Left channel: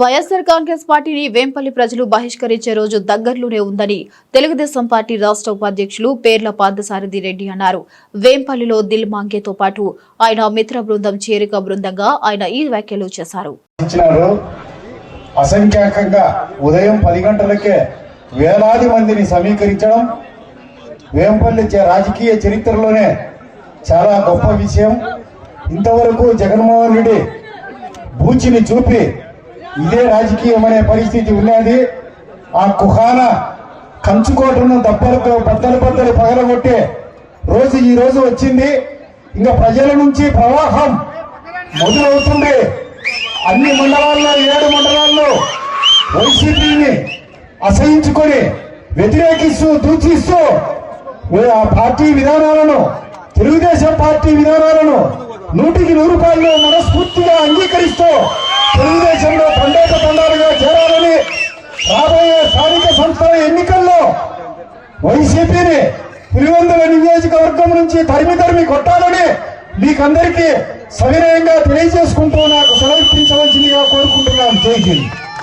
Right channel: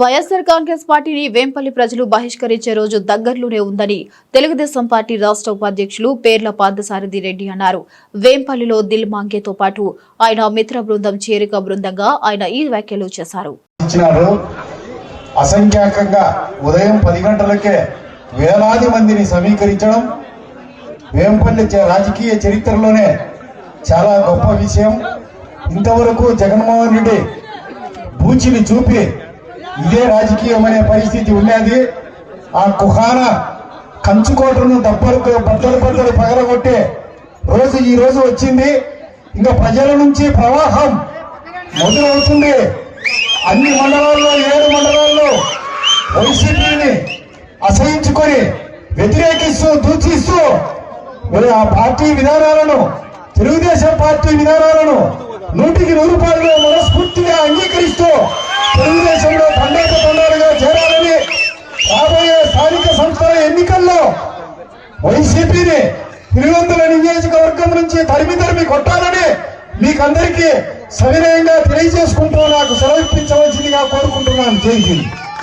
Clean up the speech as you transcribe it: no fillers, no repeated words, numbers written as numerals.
వైఎస్ఆర్ కాంగ్రెస్ పార్టీని వేంపల్లి ప్రజలు బహిష్కరించే రోజు దగ్గరలోనే ఉందని తెలుగుదేశం పార్టీ రాష్ట్ర ఉపాధ్యక్షులు పేర్ల పార్థసారథి రెడ్డి అన్నారు. వేంపల్లిలో దిల్ మాంగేతో పాటు ఆయన మిత్ర బృందం చేరిక బృందంగా ఆయన ఈ వ్యాఖ్యలు చేశారు. అసంఖ్యాకంగా ఉదయం 10 గంటలకే వేలాది మందిని సమీకరించడం వేంపల్లి రాజకీయ చరిత్రలోనే చాలా గొప్ప విషయం. ఇంతవరకు జగన్మోహన్ రెడ్డి బూచిని చూపి ఇదే రాజకీయం అనే పరిస్థితి ఉన్నది. ఆ కుహాన కంచుకోటను బద్దలు పగలగొట్టే రోజు ఈ రోజు వచ్చింది. ఇంకా ప్రజల నుంచి ప్రవాహం మొదలవుతుంది. అన్ని మండలాల్లో 7 మండలాల్లో వైసీపీని అసహించుకొని వ్యతిరేకిస్తూ దూషిస్తూ ఆ పార్టీ విధానాలను తెలుగుదేశం పార్టీ విధానాలను 100కి 100 మనస్ఫూర్తిగా అంగీకరిస్తూ తెలుగుదేశంలో తండాలుగా చేరాలని రాబోయే స్థానిక సంస్థల ఎన్నికల్లో వైసీపీని పులివెందుల నియోజకవర్గం నుంచి తరిమి కొట్టాలని మీకందరికీ సవినయంగా తెలియజేసుకుంటూ నాకు సెలవిప్పించవలసిందిగా కోరుకుంటున్నాను. జై హింద్.